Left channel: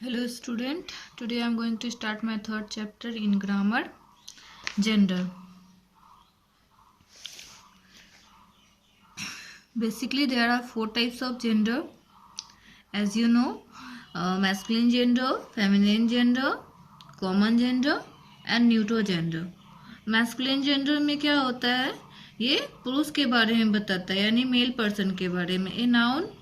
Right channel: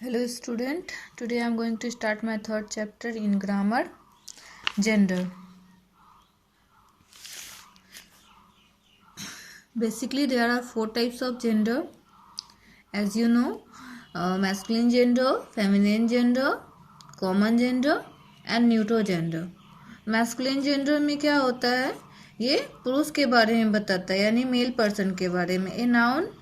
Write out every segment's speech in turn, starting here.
Hello student, today I am going to start my third chapter in grammar, gender. Basically there are four types of gender, as you know, masculine gender, feminine gender, common gender and neutral gender. masculine gender में क्या होता है, ये पुरुष के बारे में बताता है, यानी मेल पर्सन के बारे में. A noun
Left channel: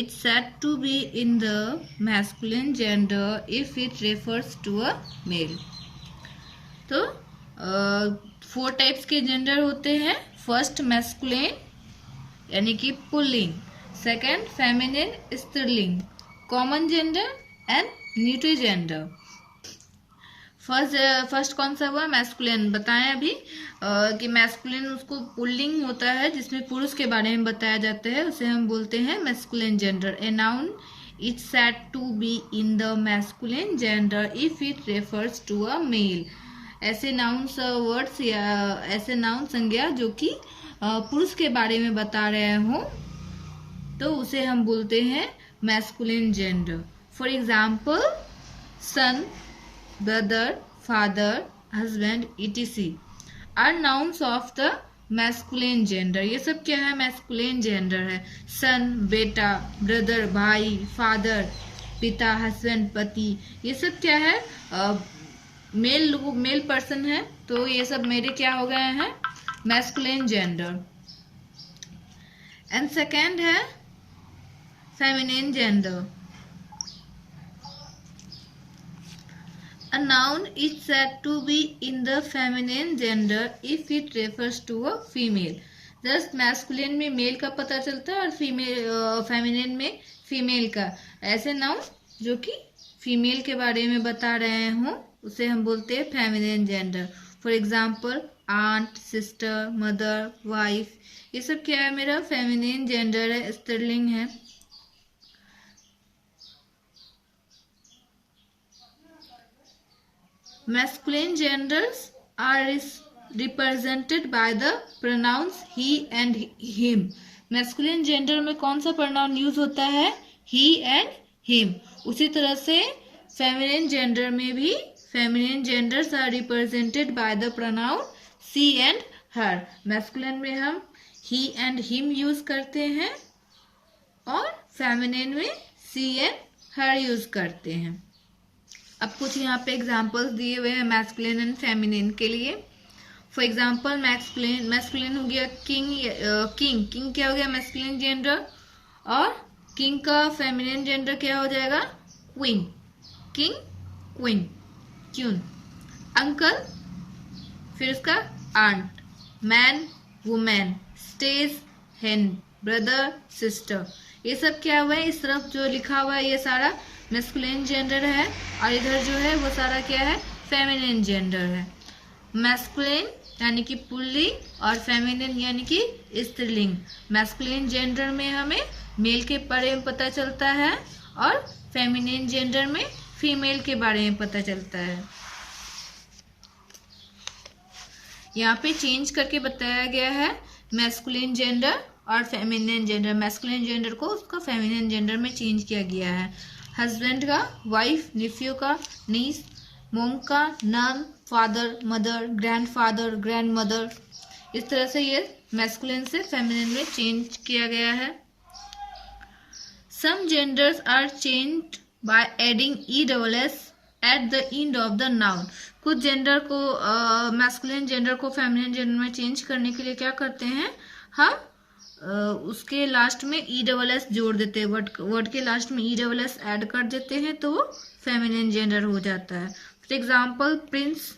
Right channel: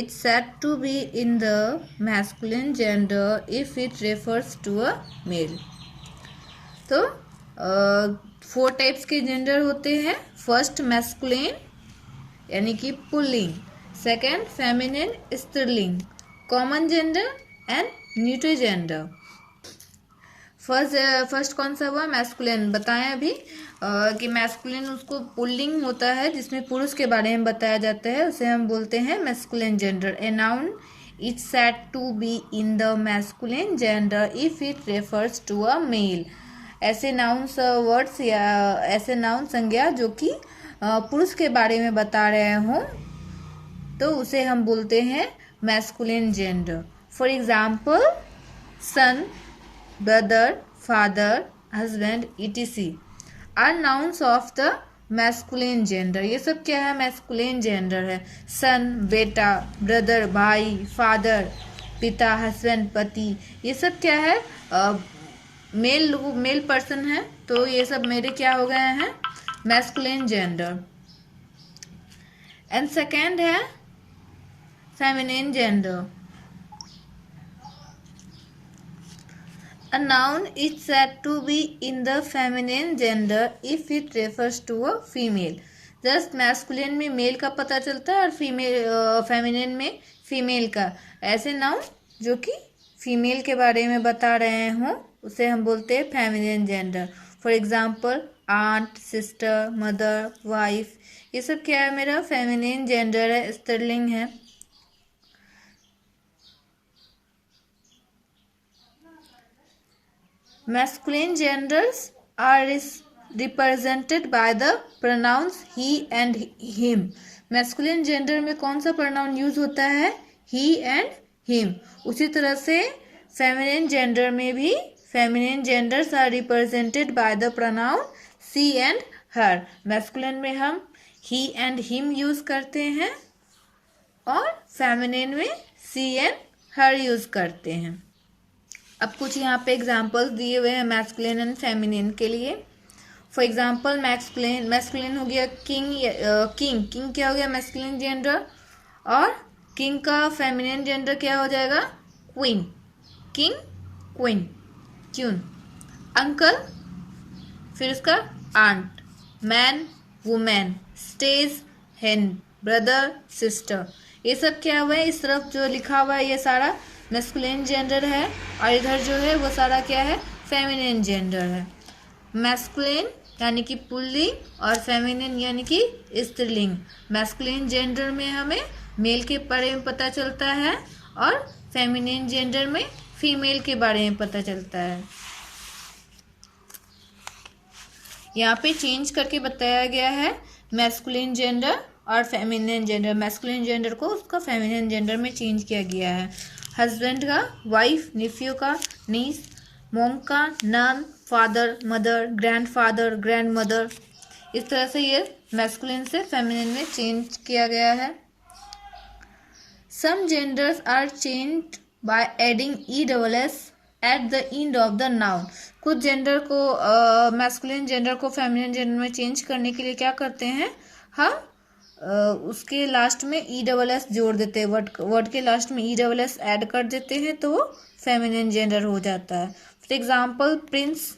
it's said to be in the masculine gender if it refers to a male. तो 4 टाइप्स के जेंडर होते हैं. फर्स्ट मैस्कुलिन यानी कि पुल्लिंग, सेकंड फेमिनिन स्त्रीलिंग, common gender and neutral gender. First कौन सा हुआ, मैस्कुलिन. बताएं अभी कि मैस्कुलिन उसको पुल्लिंग होता है जिसमें पुरुष के बारे में बताया जाता है, उसे हम बोलते हैं masculine gender. A noun it's said to be in the masculine gender if it refers to a male. ऐसे नाउन्स वर्ड्स या ऐसे नाउन संज्ञा जो कि पुरुष के बारे में बता रहे हों तो उसे हम बोलते हैं masculine gender. For example son, brother, father, husband, etc. are nouns of the masculine gender. ये सब क्या है, masculine gender है. son बेटा, brother भाई, father पिता, husband पति, ये सब क्या है, मेल पर्सन है. तो ये सब मेरे क्या हो गए हैं, masculine gender. एंड सेकेंड है feminine gender. A noun is said to be in the feminine gender if it refers to a female. Just masculine में मेल का पता चलता है और फेमिनिन में फीमेल का. ऐसे नाउन जो कि फीमेल के बारे में बता रहे हों उसे हम बोलते हैं feminine gender. For example aunt, sister, mother, wife, ये सब क्या है, मेरा फेमिनिन जेंडर है, स्त्रीलिंग है. Masculine genders are represented by the pronouns he and him. Masculine gender में कौन सा pronoun यूज होता है, he and him. उसी तरह से feminine gender में भी feminine genders are represented by the pronoun she and her. Masculine में हम he and him यूज करते हैं और feminine में she and her यूज करते हैं. अब कुछ यहाँ पे एग्जाम्पल्स दिए हुए हैं मैस्कुलिन एंड फेमिनिन के लिए. फॉर एग्जाम्पल मैस्कुलिन हो गया किंग क्या हो गया, मैस्कुलिन जेंडर. और किंग का फेमिनिन जेंडर क्या हो जाएगा, queen. King, queen, queen. Uncle, फिर उसका aunt. Man, women. Stag, hen. Brother, sister. ये सब क्या हुआ है, इस तरफ जो लिखा हुआ है ये सारा मैस्कुलिन जेंडर है और इधर जो है वो सारा क्या है, फेमिनिन जेंडर है. मैस्कुलिन यानी कि पुल्लिंग और फेमिनिन यानी कि स्त्रीलिंग. मैस्कुलिन जेंडर में हमें मेल के बारे में पता चलता है और फेमिनिन जेंडर में फीमेल के बारे में पता चलता है. यहाँ पे चेंज करके बताया गया है मैस्कुलिन जेंडर और फेमिनिन जेंडर. मैस्कुलिन जेंडर को उसका फेमिनिन जेंडर में चेंज किया गया है. हस्बैंड का वाइफ, निफ्यू का नीस, मोंक का nun, father, mother, grandfather, grandmother. इस तरह से ये मैस्कुलिन से फेमिनिन में चेंज किया गया है. Some genders are changed by adding ESS at the end of the noun. कुछ जेंडर को मैस्कुलिन जेंडर को फेमिनिन जेंडर में चेंज करने के लिए क्या करते हैं, हम उसके लास्ट में ESS जोड़ देते हैं. वर्ड के लास्ट में ESS ऐड कर देते हैं तो वो फेमिनिन जेंडर हो जाता है. For example Prince,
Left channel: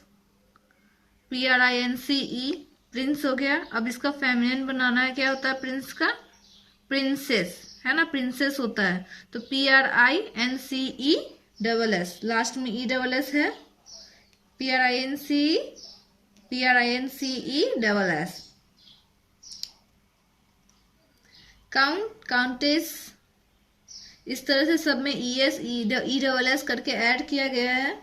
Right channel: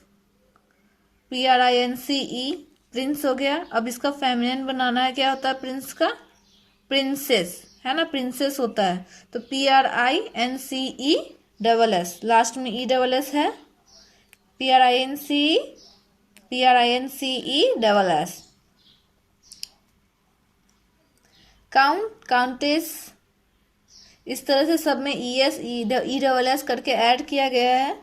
PRINCE, Prince हो गया. अब इसका फेमिनिन बनाना है, क्या होता है प्रिंस का, प्रिंसेस है ना, प्रिंसेस होता है. तो PRINCE, लास्ट में ESS है, PRINCE. Count, countess. इस तरह से सब में ESS करके ऐड किया गया है.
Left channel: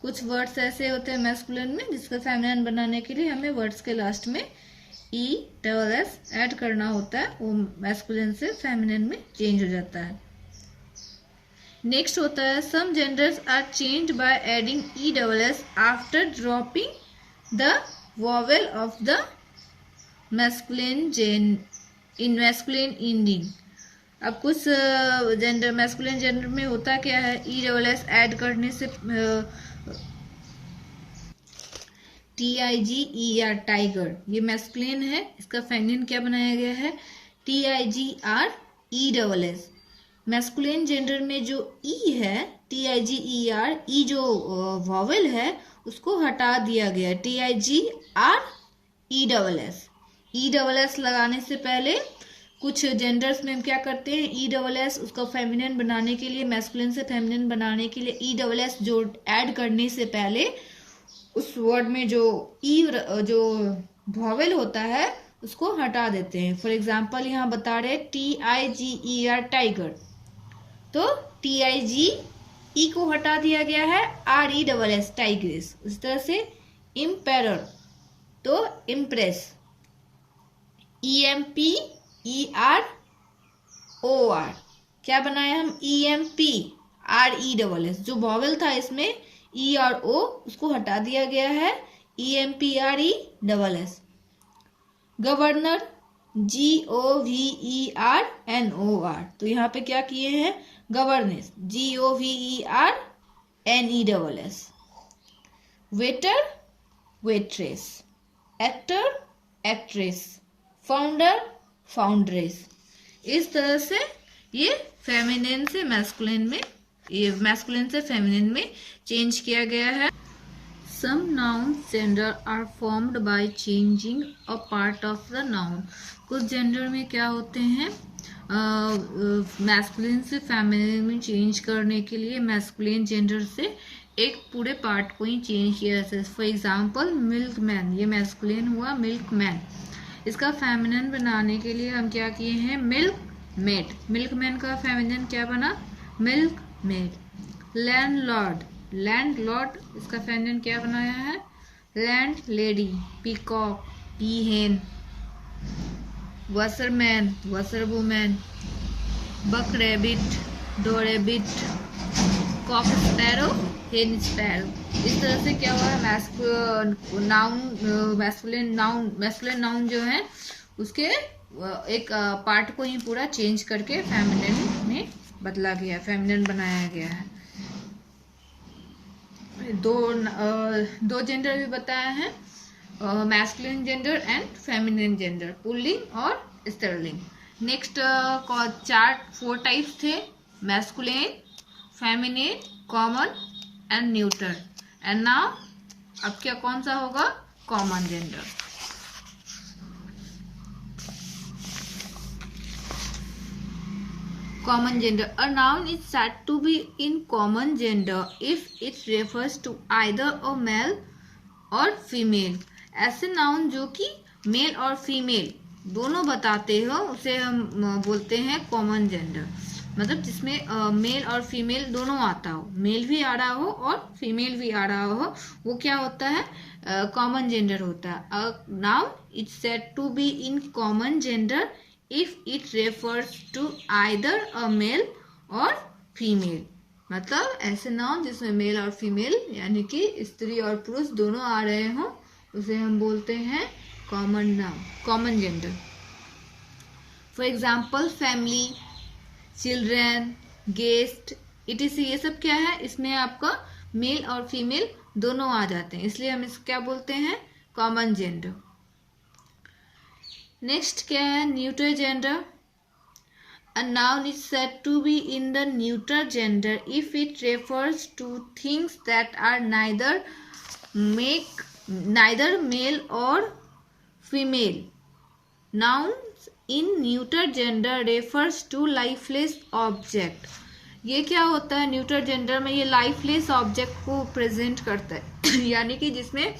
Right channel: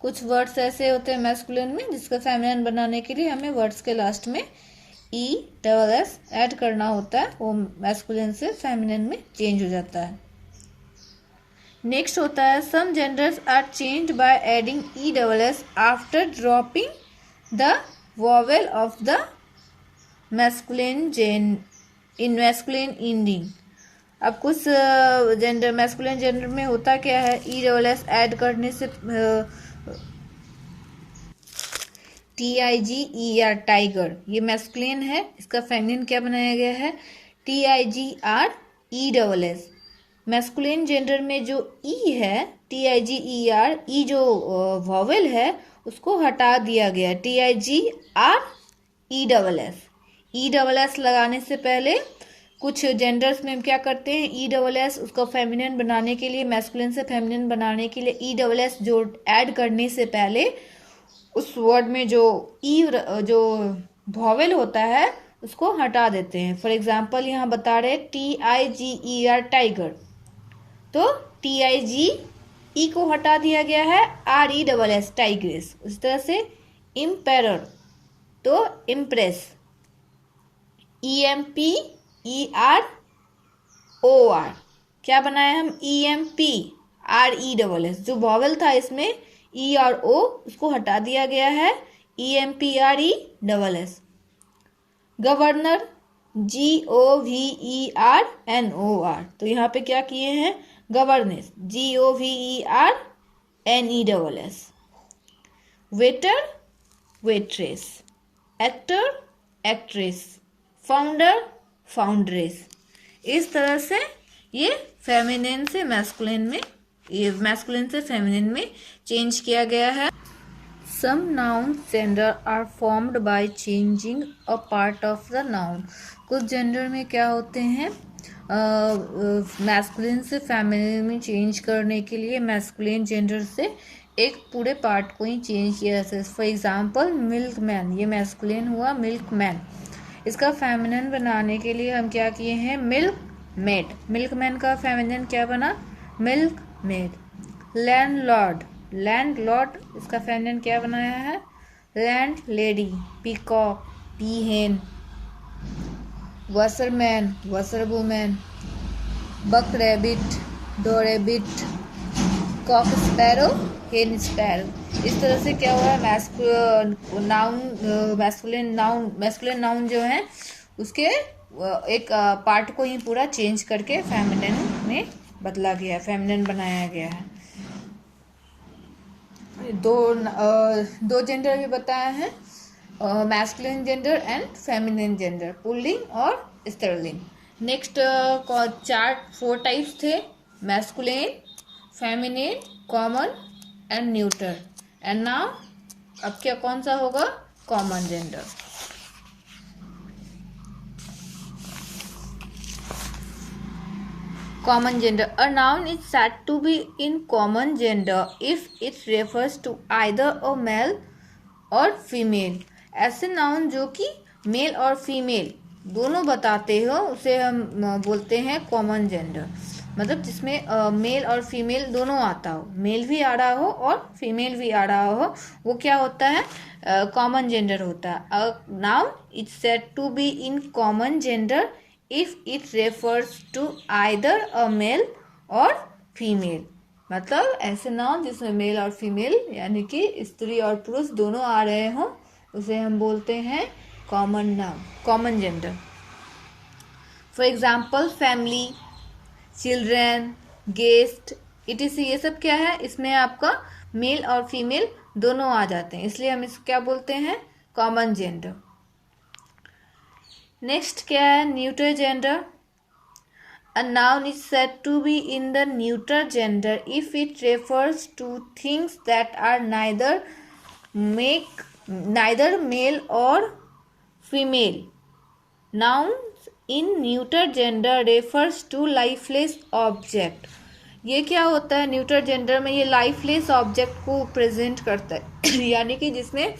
कुछ वर्ड्स ऐसे होते हैं मैस्कुलिन में जिसका फेमिनिन बनाने के लिए हमें वर्ड्स के लास्ट में ESS ऐड करना होता है, वो मैस्कुलिन से फेमिनिन में चेंज हो जाता है. नेक्स्ट होता है some genders are changed by adding ESS after dropping the vowel of the masculine ending. अब कुछ जेंडर मैस्कुलिन जेंडर में होता क्या है, ESS ऐड करने से TIGER टाइगर, ये मैस्कुलिन है, इसका फेमिनिन क्या बनाया गया है, TIGRESS। मैस्कुलिन जेंडर में जो E है TIGER, E जो वॉवेल है उसको हटा दिया गया, TIGRESS लगाने से पहले कुछ जेंडर्स में हम क्या करते हैं, ESS उसको फेमिनिन बनाने के लिए, मैस्कुलिन से फेमिनिन बनाने के लिए ESS जो ऐड करने से पहले उस वर्ड में जो जो वॉवेल होता है उसको हटा देते हैं। फॉर एग्जाम्पल यहाँ बता रहे TIGER टाइगर, तो TIGE को हटा दिया गया है, RESS टाइग्रेस। उस तरह से इम्पेरर तो इम्प्रेस, EMPEROR क्या बनाया हम, EMPRESS, जो वॉवेल था इसमें E और O उसको हटा दिया गया है, EMPRESS। गवर्नर GOVERNOR, तो यहाँ पे क्या किए हैं, governess GOVERNESS। Waiter waitress, actor actress, founder foundress. इस तरह से ये फेमिनिन से मैस्कुलिन में, ये मैस्कुलिन से फेमिनिन में चेंज किया गया है। Some noun gender are formed by changing a part of the noun. कुछ जेंडर में क्या होते हैं, मैस्कुलिन से फेमिनिन में चेंज करने के लिए मैस्कुलिन जेंडर से एक पूरे पार्ट को ही चेंज किया जाता है। फॉर एग्जाम्पल मिल्कमैन, ये मैस्कुलिन हुआ मिल्कमैन, इसका फेमिनिन बनाने के लिए हम क्या किए हैं, मिल्कमेड। मिल्कमैन का फेमिनिन क्या बना, मिल्कमेड। लैंडलॉर्ड, लैंडलॉर्ड इसका फेमिनिन क्या बनाया है, landlady. Peacock, peahen. Washerman, washerwoman. Buck rabbit, doe rabbit. Cock sparrow, hen sparrow. इस तरह से क्या हुआ है, मैस्कुलिन नाउन जो है उसके एक पार्ट को ही पूरा चेंज करके फेमिनिन में बदला गया, फेमिनिन बनाया गया है। दो जेंडर भी बताया है, masculine gender and feminine gender, pulling और स्त्रीलिंग। नेक्स्ट 4 टाइप्स थे, masculine, feminine, common and neuter. And now अब क्या कौन सा होगा, common gender. Common gender. A noun is said to be in common gender if it refers to either a male or female. ऐसे noun जो कि mail or female दोनों बताते हो उसे हम बोलते हैं कॉमन जेंडर। मतलब जिसमें मेल और फीमेल दोनों आता हो, मेल भी आ रहा हो और फीमेल भी आ रहा हो, वो क्या होता है, कॉमन जेंडर होता है। A noun is said to be in common gender if it refers to either a male or female। मतलब ऐसे नाउन जिसमें मेल और फीमेल यानी कि स्त्री और पुरुष दोनों आ रहे हों उसे हम बोलते हैं common noun, common gender. For example family, children, guest, etc., ये सब क्या है, इसमें आपका मेल और फीमेल दोनों आ जाते हैं, इसलिए हम इसको क्या बोलते हैं, कॉमन जेंडर। नेक्स्ट क्या है, neuter gender. A noun is said to be in the neuter gender if it refers to things that are neither male or female. Nouns in neuter gender refers to lifeless object. ये क्या होता है, neuter gender में ये lifeless object को present करता है यानी कि जिसमें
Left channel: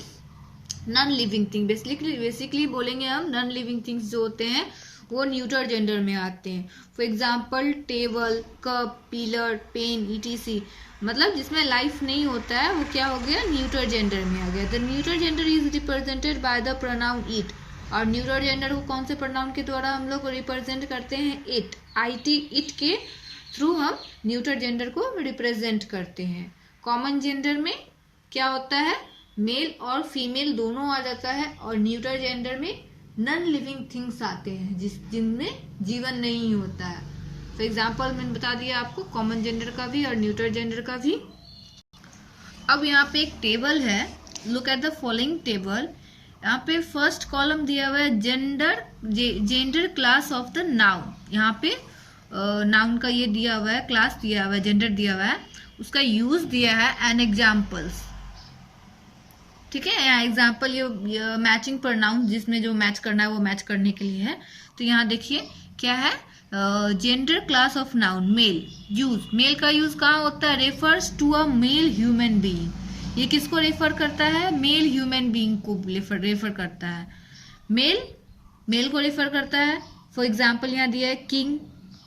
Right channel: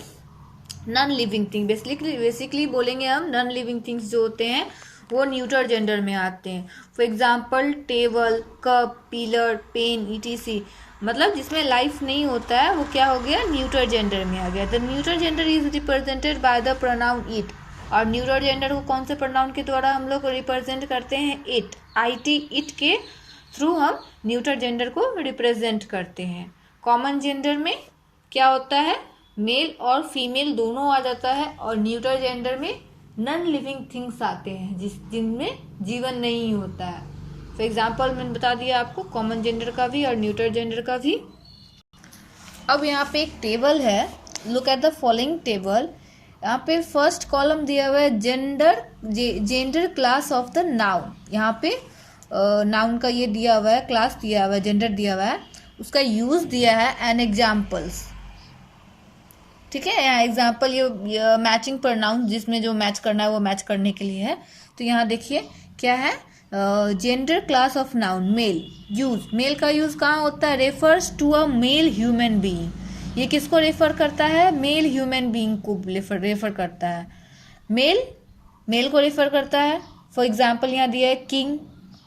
नॉन लिविंग थिंग, बेसिकली बोलेंगे हम नॉन लिविंग थिंग्स जो होते हैं वो न्यूटर जेंडर में आते हैं। For example table, cup, pillar, pen, etc. मतलब जिसमें लाइफ नहीं होता है वो क्या हो गया, न्यूटर जेंडर में आ गया। The neuter gender is represented by the pronoun it. और न्यूटर जेंडर को कौन से प्रोनाउन के द्वारा हम लोग रिप्रेजेंट करते हैं, इट, IT, इट के थ्रू हम न्यूटर जेंडर को रिप्रेजेंट करते हैं। कॉमन जेंडर में क्या होता है, मेल और फीमेल दोनों आ जाता है, और न्यूटर जेंडर में नॉन लिविंग थिंग्स आते हैं जिनमें जीवन नहीं होता है। फॉर एग्जाम्पल मैंने बता दिया आपको कॉमन जेंडर का भी और न्यूटर जेंडर का भी। अब यहाँ पे एक टेबल है, look at the following table. यहाँ पे फर्स्ट कॉलम दिया हुआ है gender class of the noun. यहाँ पे नाउन का ये दिया हुआ है, क्लास दिया हुआ है, जेंडर दिया हुआ है, उसका यूज दिया है एंड एग्जाम्पल्स। ठीक है, यहाँ एग्जाम्पल ये मैचिंग प्रोनाउन, जिसमें जो मैच करना है वो मैच करने के लिए है। तो यहाँ देखिए क्या है, gender class of noun male. Use, male का यूज कहाँ होता है, refers to a male human being. ये किसको रेफर करता है, मेल ह्यूमन बीइंग को रेफर करता है। मेल को रेफर करता है। फॉर एग्जाम्पल यहाँ दिया है किंग,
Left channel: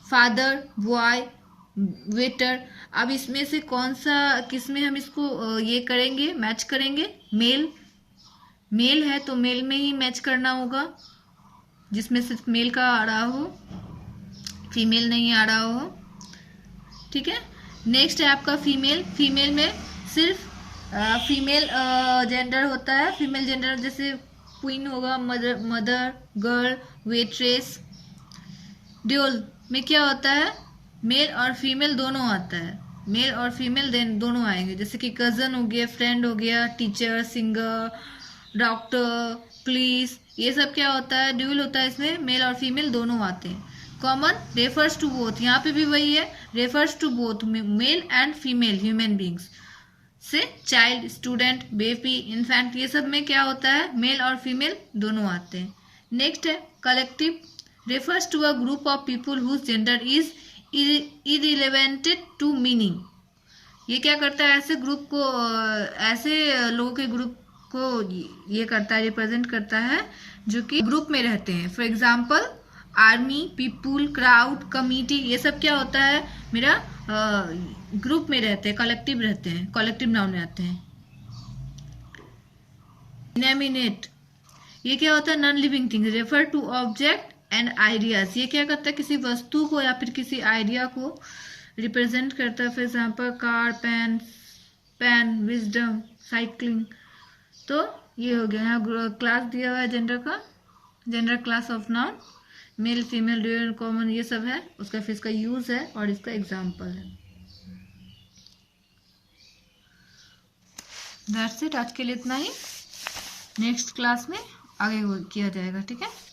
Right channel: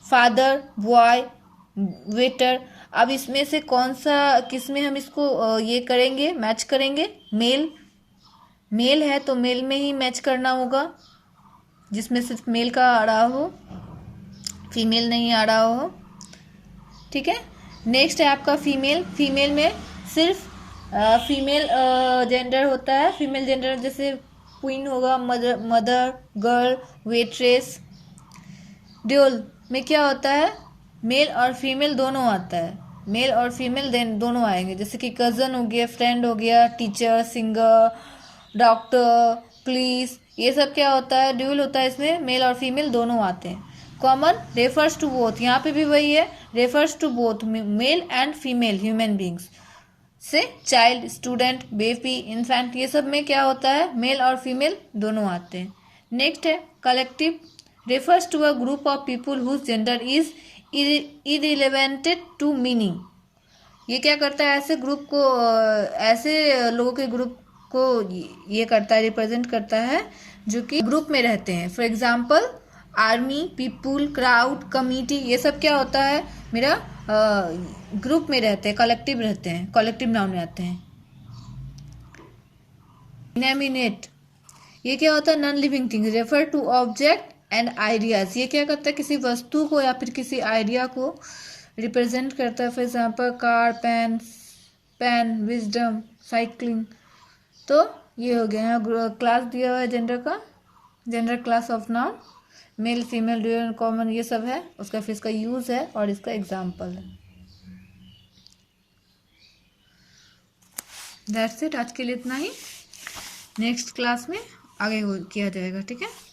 फादर, बॉय, वेटर। अब इसमें से कौन सा, किसमें हम इसको ये करेंगे, मैच करेंगे, मेल है तो मेल में ही मैच करना होगा, जिसमें सिर्फ मेल का आ रहा हो, फीमेल नहीं आ रहा हो। ठीक है, नेक्स्ट है आपका फीमेल में सिर्फ फीमेल जेंडर होता है। फीमेल जेंडर जैसे क्वीन होगा, मदर, गर्ल, वेट्रेस। ड्यूल में क्या होता है, मेल और फीमेल दोनों आता है, मेल और फीमेल दोनों आएंगे, जैसे कि कज़न हो गया, फ्रेंड हो गया, टीचर, सिंगर, डॉक्टर, पुलिस। ये सब क्या होता है, ड्यूल होता है, इसमें मेल और फीमेल दोनों आते हैं। कॉमन रेफर्स टू बोथ, यहाँ पे भी वही है, refers to both male and female human beings. से चाइल्ड, स्टूडेंट, बेबी, इन्फेंट, ये सब में क्या होता है, मेल और फीमेल दोनों आते हैं। नेक्स्ट है collective, refers to a group of people whose gender is irrelevant to meaning। ये क्या करता है, ऐसे ग्रुप को, ऐसे लोगों के ग्रुप को ये करता है, रिप्रेजेंट करता है जो कि ग्रुप में रहते हैं। For example army, people, crowd, committee, ये सब क्या होता है, मेरा ग्रुप में रहते हैं, कलेक्टिव रहते हैं, कलेक्टिव नाउन में आते हैं। इनएमिनेट, ये क्या होता है, non living thing, refer to object and ideas. ये क्या करता है, किसी वस्तु को या फिर किसी आइडिया को रिप्रेजेंट करता है। For example car, pen, wisdom, cycling. तो ये हो गया, यहाँ क्लास दिया हुआ है जेंडर का, gender class of noun, male, female, dual, common, ये सब है, उसका फिर इसका यूज है और इसका एग्जाम्पल है। दैट्स इट, आज के लिए इतना ही। नेक्स्ट क्लास में आगे किया जाएगा, ठीक है।